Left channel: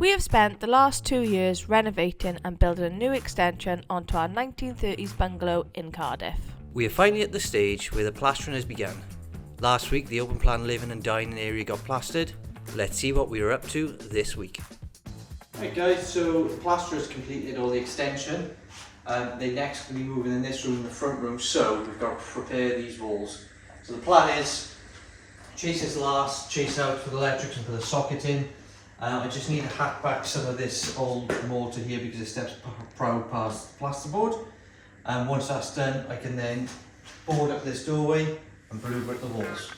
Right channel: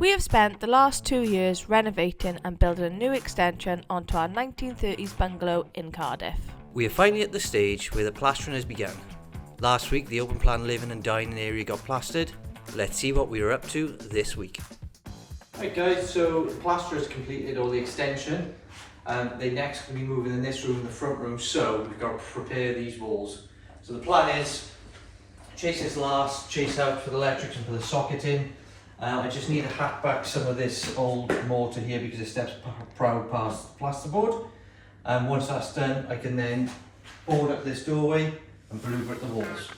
We have spent the last 2 years renovating and building a new extension onto our 1930s bungalow in Cardiff. We are finally at the stage where the plastering has begun. Last week the open plan living and dining area got plastered. Let's see what we are up to this week. Right guys, so the plasterers completed all the extension. They next going to be moving in this room, the front room, so we've got to prepare these walls. So the plan is, chase this last, chase out for the electrics and put the socket in. I just need to hack back some of this old mortar here because it steps proud past the plasterboard. And once that's done, I can then board up this doorway and blue brick the walls.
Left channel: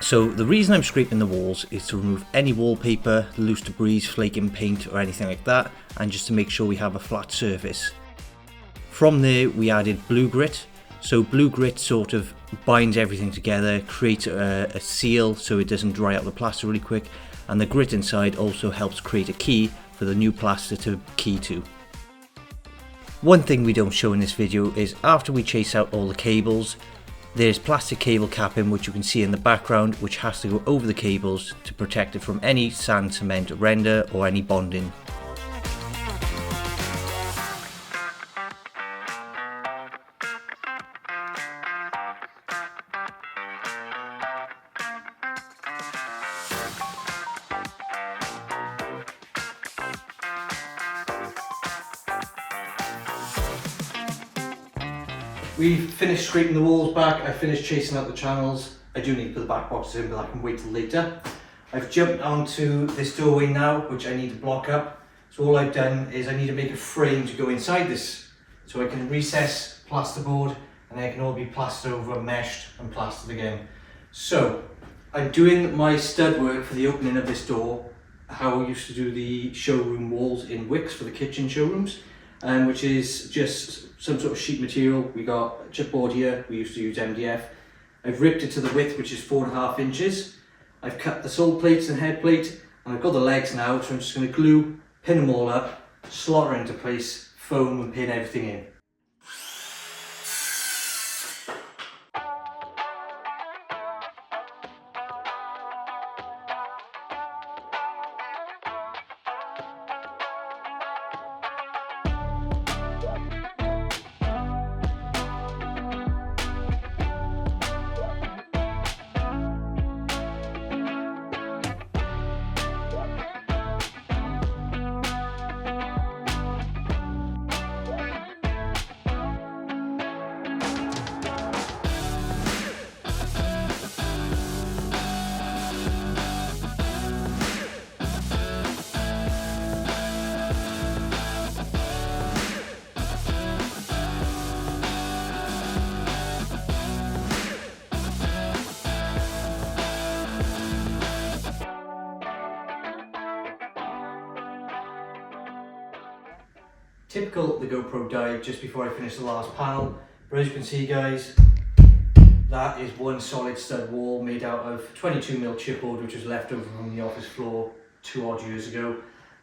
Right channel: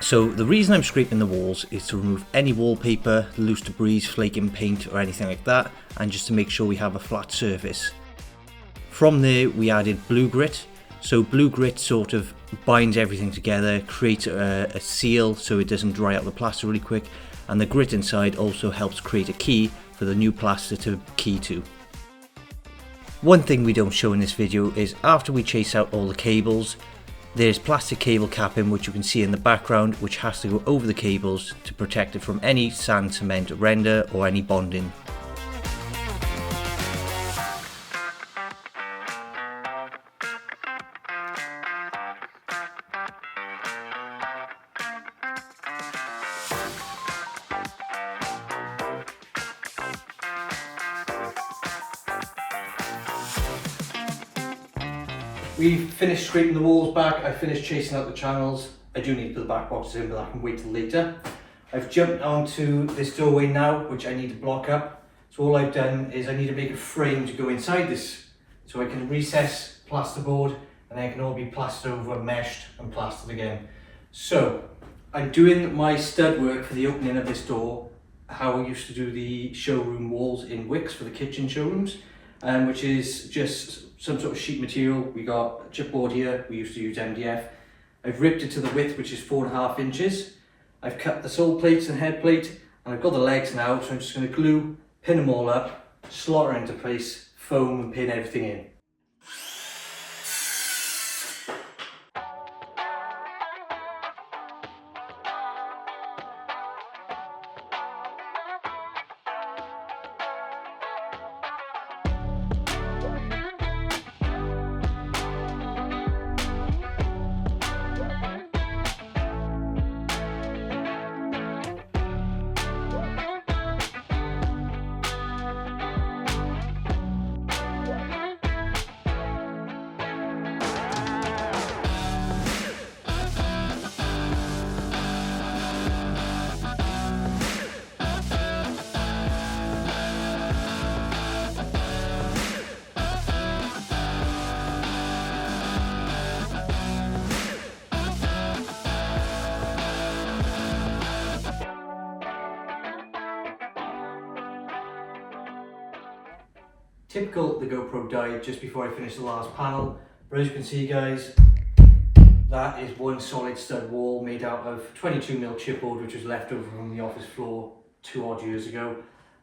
So the reason I'm scraping the walls is to remove any wallpaper, loose debris, flaking paint or anything like that, and just to make sure we have a flat surface. From there we added blue grit. So blue grit sort of binds everything together, creates a seal so it doesn't dry out the plaster really quick, and the grit inside also helps create a key for the new plaster to key to. One thing we don't show in this video is after we chase out all the cables, there's plastic cable capping which you can see in the background, which has to go over the cables to protect it from any sand, cement, render or any bonding. We've finished scraping the walls back, I finished chasing out the channels. I do need to put the back boxes in, but I can wait till later. I've jumped onto this doorway now, which I need to block up. So all I've done is I need to make a frame to go inside this. So I can recess plasterboard and then it can all be plastered over, meshed and plastered again. So I'm doing my stud work for the opening of this door, how I used to do the showroom walls in Wicks for the kitchen showrooms, which is just some sort of sheet material. We got chipboard here, we used to use MDF. I've ripped it to the width, which is 4.5 inches. I've cut the sole plates and head plate, and I've got the legs now, so I'm just going to glue, pin them all up, slot her into place, foam and pin everything in. Typical, the GoPro died just before I finished the last panel, but as you can see guys, that is one solid stud wall made out of 22mm chipboard, which was left over from the office floor 2 odd years ago,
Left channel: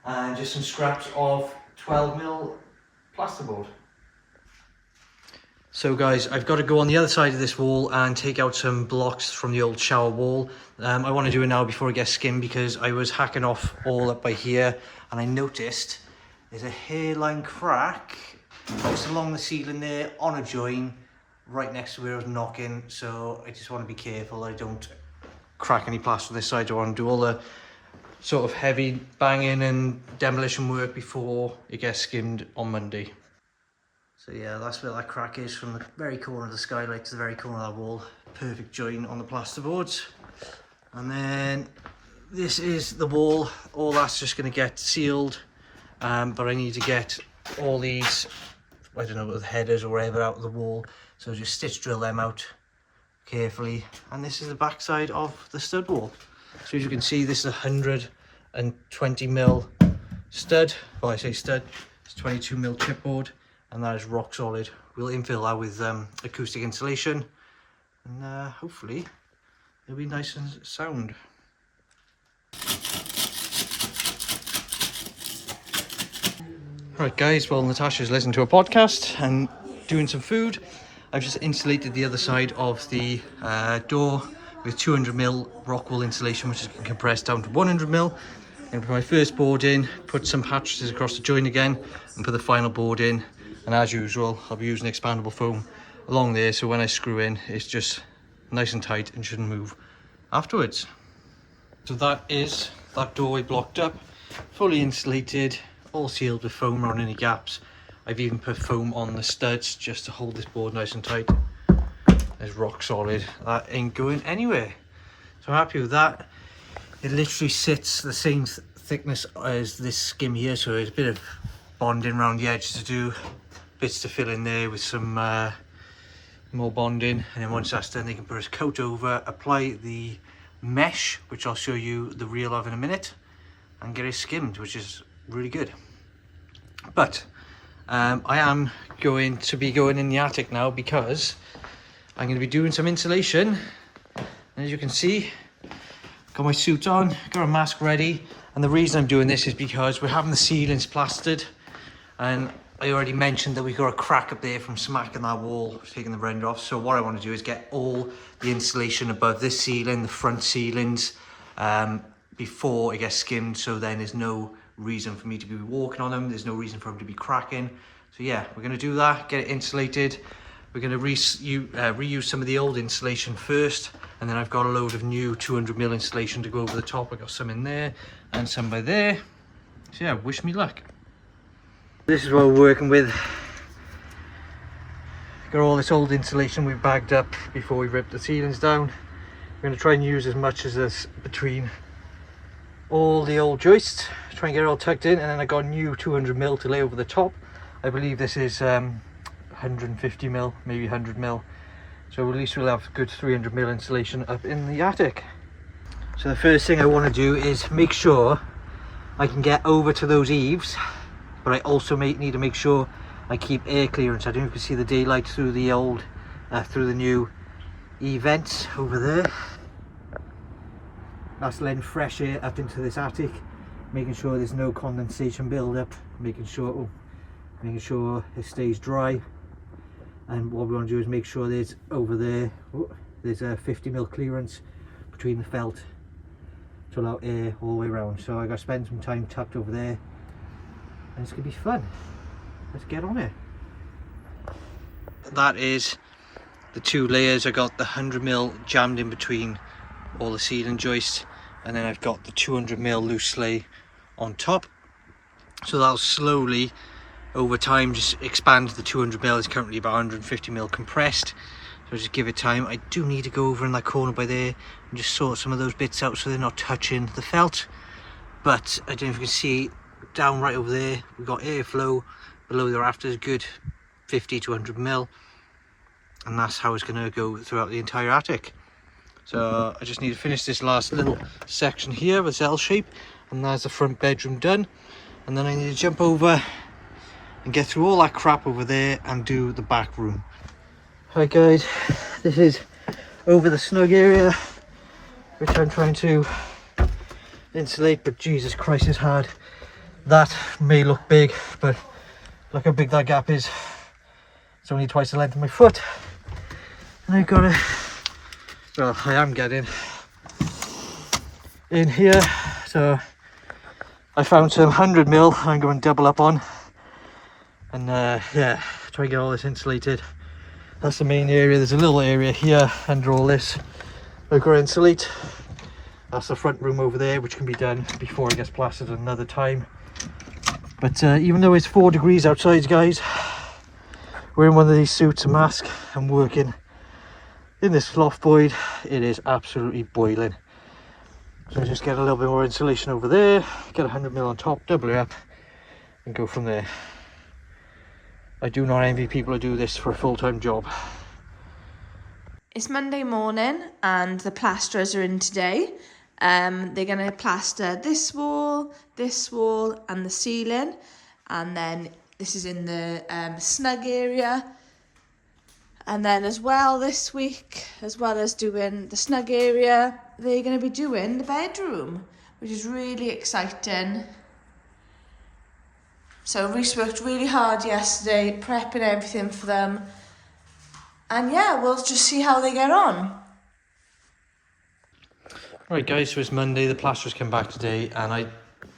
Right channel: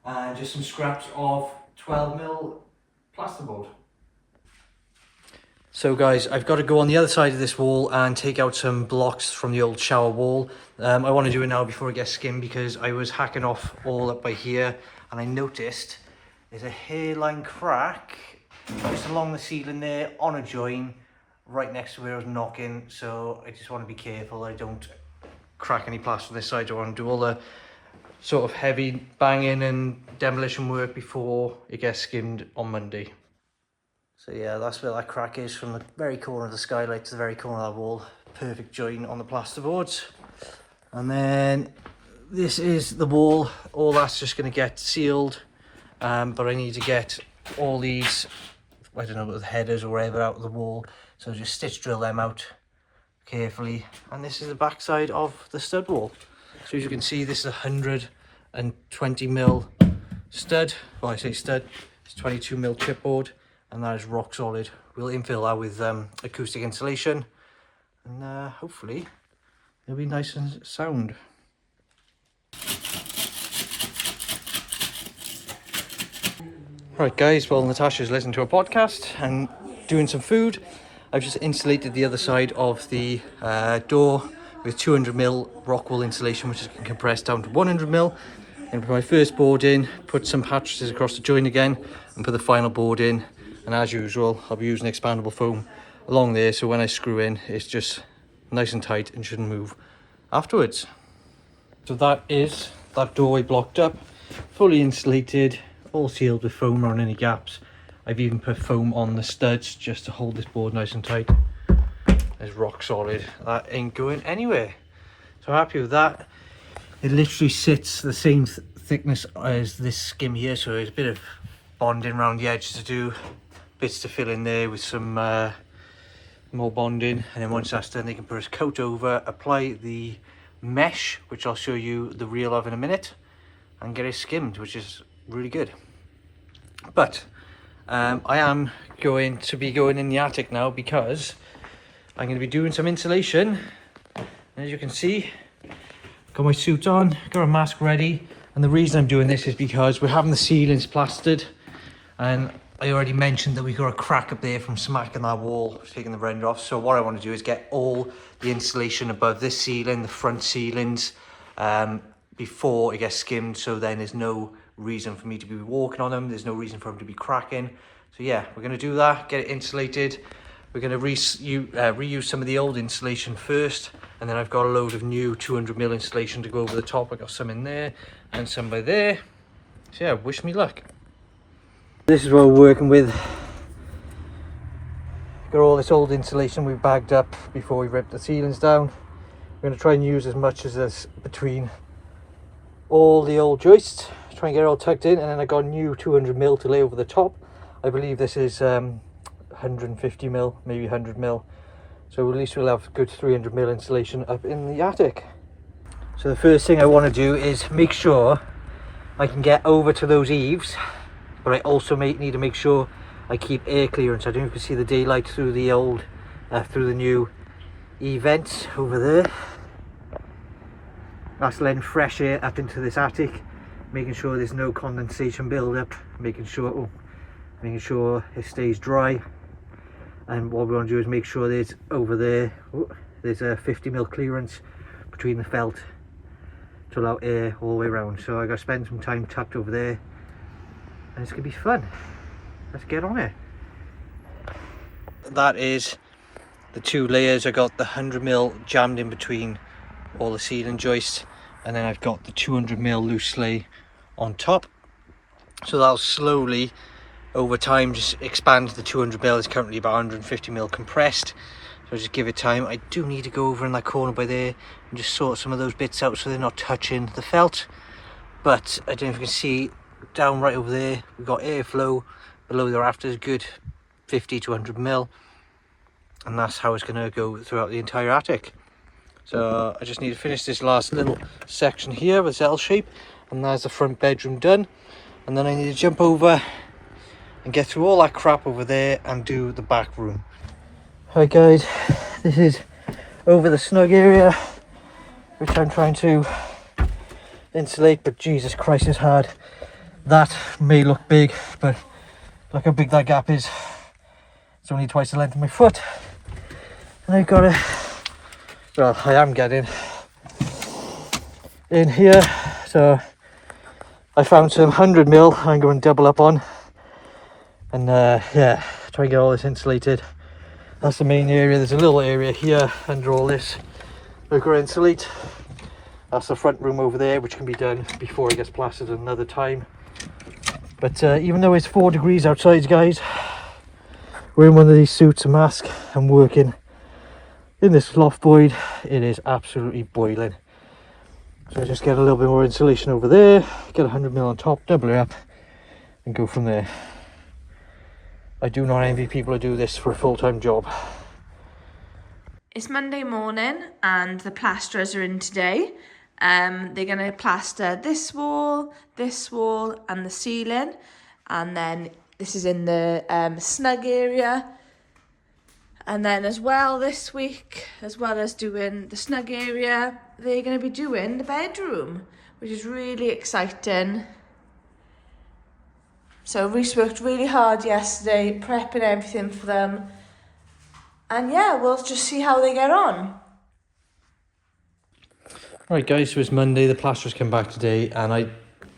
and just some scraps of 12mm plasterboard. So guys, I've got to go on the other side of this wall and take out some blocks from the old shower wall. I want to do it now before it gets skimmed because I was hacking off all up by here and I noticed there's a hairline crack just along the ceiling there on a join right next to where I was knocking, so I just want to be careful I don't crack any plaster on this side. I want to do all the sort of heavy banging and demolition work before it gets skimmed on Monday. So yeah, that's where that crack is, from the very corner of the skylight to the very corner of that wall. Perfect join on the plasterboards. And then this is the wall, all that's just going to get sealed. But I need to get all these, I don't know, the headers or whatever out of the wall. So just stitch drill them out carefully. And this is the back side of the stud wall. So as you can see, this is 120mm stud. Well, I say stud, it's 22mm chipboard, and that is rock solid. We'll infill that with acoustic insulation, and hopefully it'll be nice and sound. Right guys, well Natasha's listening to a podcast and doing some food. I've just insulated the other side of the door with 200mm rock wool insulation, which has been compressed down to 100mm. And put my first board in, put some mattresses across the joint again, and put the final board in. And as usual, I'll be using expandable foam along there, so when I screw in, it's just nice and tight and shouldn't move afterwards. So that is that doorway blocked up, fully insulated, all sealed with foam around any gaps. I've even put foam on the studs just to hold this board nice and tight. It's rock solid, that ain't going anywhere. So I'm happy with that. It literally sits the same thickness as this skim here, so there's a bit of bonding around the edges to do, bits to fill in there with some more bonding, and then once that's done they can put a coat over, apply the mesh, which I'll show you the reel of in a minute, and get it skimmed, which is really good. But I am going to be going in the attic now because I'm going to be doing some insulation. As you can see, got my suit on, got a mask ready, and the reason I'm doing this is because we're having the ceilings plastered, and I already mentioned that we got a crack up there from smacking that wall, taking the render off. So what I want to do is get all the insulation above this ceiling, the front ceilings, before it gets skimmed, so then there's no reason for me to be walking on them, there's no reason for them to be cracking. So yeah, we're going to do that, get it insulated. We're going to reuse some of the old insulation first, and then I've got a load of new 200mm insulation to go over the top. I got some in there and some by there. So yeah, wish me luck. This is what we're working with. Got all this old insulation we bagged up before we ripped the ceilings down. We're going to try and use as much as this between all the old joists, try and get it all tucked in, and then I got new 200mm to lay over the top. I believe this is 150mm, maybe 100mm, so at least we'll have good 300mm insulation up in the attic. So the first thing I want to do is make sure I can get over to those eaves, but I also need to make sure I keep air clearance. I don't know if you can see the daylight through the old through the new eave vents over there. That's letting fresh air up into this attic, making sure there's no condensation build up, making sure it stays dry. And what we want to do is make sure there's over there, there's a 50mm clearance between the felt to allow air all the way around. So I got to spend some time tucked over there, and it's gonna be fun. Let's get on it. That is the two layers. I got the 100mm jammed in between all the ceiling joists, and then I've got the 200mm loose lay on top. So that'll slowly over time just expand. The 200mm is currently about 150mm compressed, so just give it time. I do need to go over in that corner by there and just sort some of those bits out so they're not touching the felt. But I don't know if you can see down right over there, we've got airflow below the rafters, good 50 to 100mm, and that's how it's going to go throughout the entire attic. So I just need to finish this last little section here with L shape, and there's the front bedroom done. And then I need to jump over and get through all that crap over there and do the back room. Hi guys, this is over the snug area, which I'm trying to insulate, but Jesus Christ, it's hard. That may look big, but look how big that gap is. It's only twice the length of my foot, and I've got to, well, I am getting in here. So I found some 100mm I'm going to double up on, and yeah, try and get all this insulated. That's the main area. There's a little area here under all this we've got to insulate. That's the front room over there, which can be done before it gets plastered another time. But even though it's 4 degrees outside, guys, we're in one of these suits, a mask, and working in this loft void. It is absolutely boiling. So I just get a little bit more insulation over there, get 100mm on top, double it up, and go from there. I do not envy people who do this for a full-time job. It's Monday morning and the plasterers are in today. They're going to plaster this wall, and the ceiling. And then this is in the snug area. And then as well this week, as well as doing the snug area, they're going to be doing the bedroom, which is really exciting. So Rhys worked really hard yesterday, prepping everything for them. And yeah, we'll just see how they get on. Right guys, so it's Monday, the plasterers came back today and I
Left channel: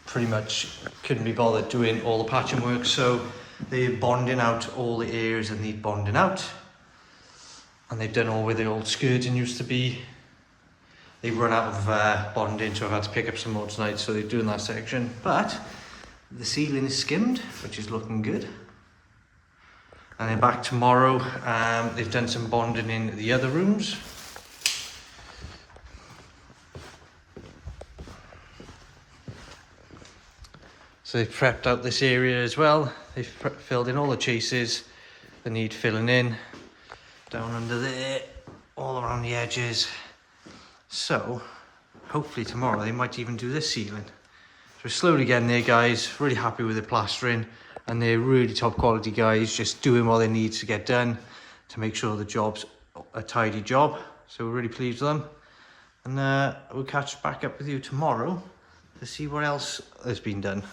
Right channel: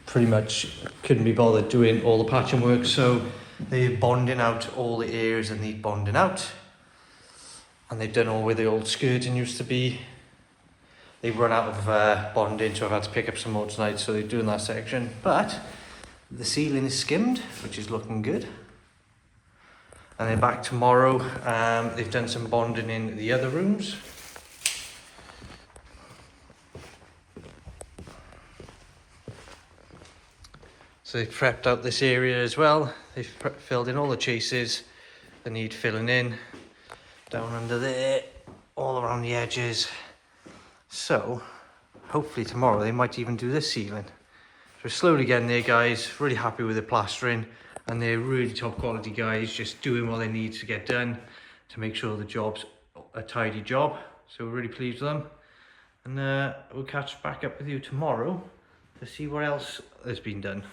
pretty much couldn't be bothered doing all the patching work, so they're bonding out all the areas that need bonding out. And they've done all where the old skirting used to be. They've run out of bonding, so I've had to pick up some more tonight, so they're doing that section. But the ceiling is skimmed, which is looking good. And they're back tomorrow. They've done some bonding in the other rooms. So they've prepped out this area as well. They've filled in all the chases that need filling in. Down under there, all around the edges. So, hopefully tomorrow they might even do this ceiling. So we're slowly getting there, guys. Really happy with the plastering. And they're really top quality guys, just doing what they need to get done to make sure the job's a tidy job. So we're really pleased with them. And we'll catch back up with you tomorrow to see what else has been done.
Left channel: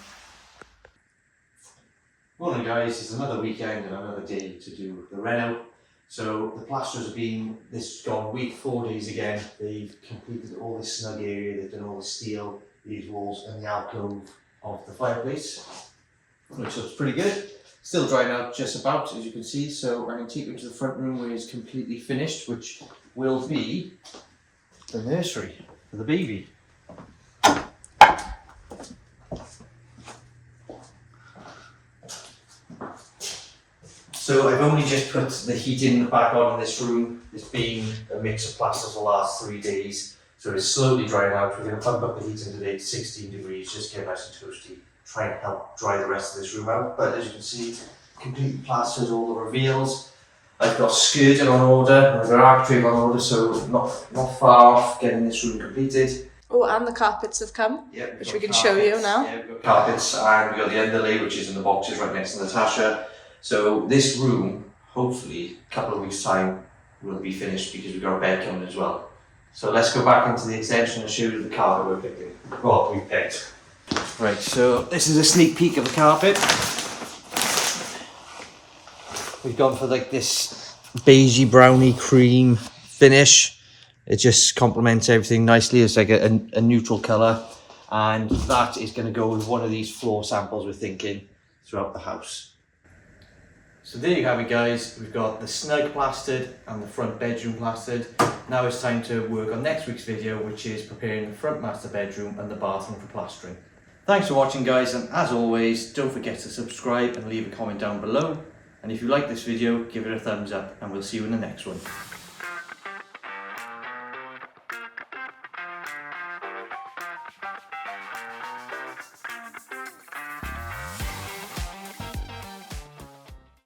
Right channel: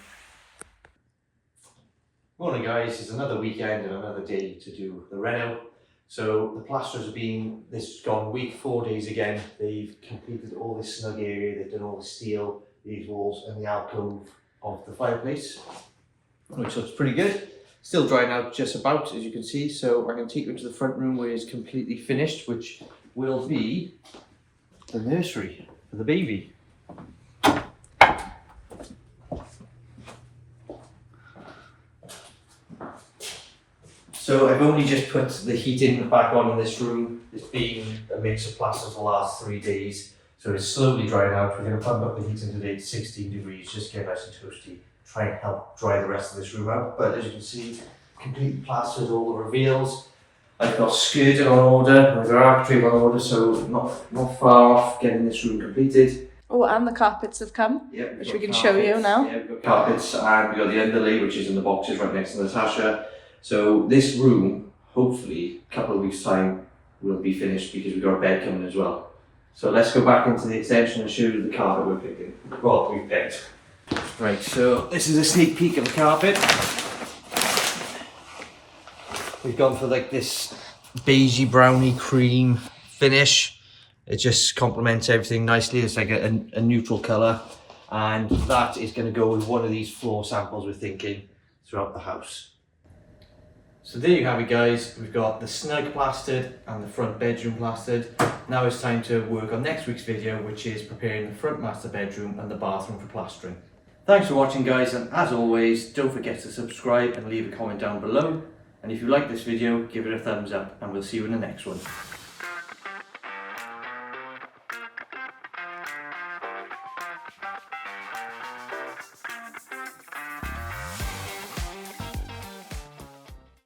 Morning guys, it's another weekend and another day to do the reno. So the plasterers have been, this has gone week 4 days again. They've completed all this snug area, they've done all the steel, these walls and the alcove of the fireplace, which looks pretty good. Still drying out just about, as you can see. So I'm going to take you to the front room where it's completely finished, which will be the nursery for the baby. So I've only just put the heating back on in this room. It's been a mix of plasters for the last 3 days. So it's slowly drying out. We're going to pump up the heating today to 16 degrees, just get nice and toasty. Try and help dry the rest of this room out. But as you can see, completely plastered all the reveals. I've got skirting on order, I've got architrave on order, so not far off getting this room completed. Oh, and the carpets have come, Yep, which we can show you now. Yeah, we've got carpets and we've got the underlay, which is in the boxes right next to Natasha. So this room, hopefully, a couple of weeks' time, will be finished because we've got a bed coming as well. So let's go back into the extension and show you the carpet we're picking. Well, we picked. Right, so this is a sneak peek of the carpet. We've gone for like this beigey brownie cream finish. It just complements everything nicely. It's like a neutral colour, and that is going to go with one of these floor samples we're thinking throughout the house. So there you have it guys, we've got the snug plastered and the front bedroom plastered. Now it's time to work on next week's video, which is preparing the front master bedroom and the bathroom for plastering. Thanks for watching guys, and as always, don't forget to subscribe and leave a comment down below. And if you like this video, give it a thumbs up, and we'll see you in the next one.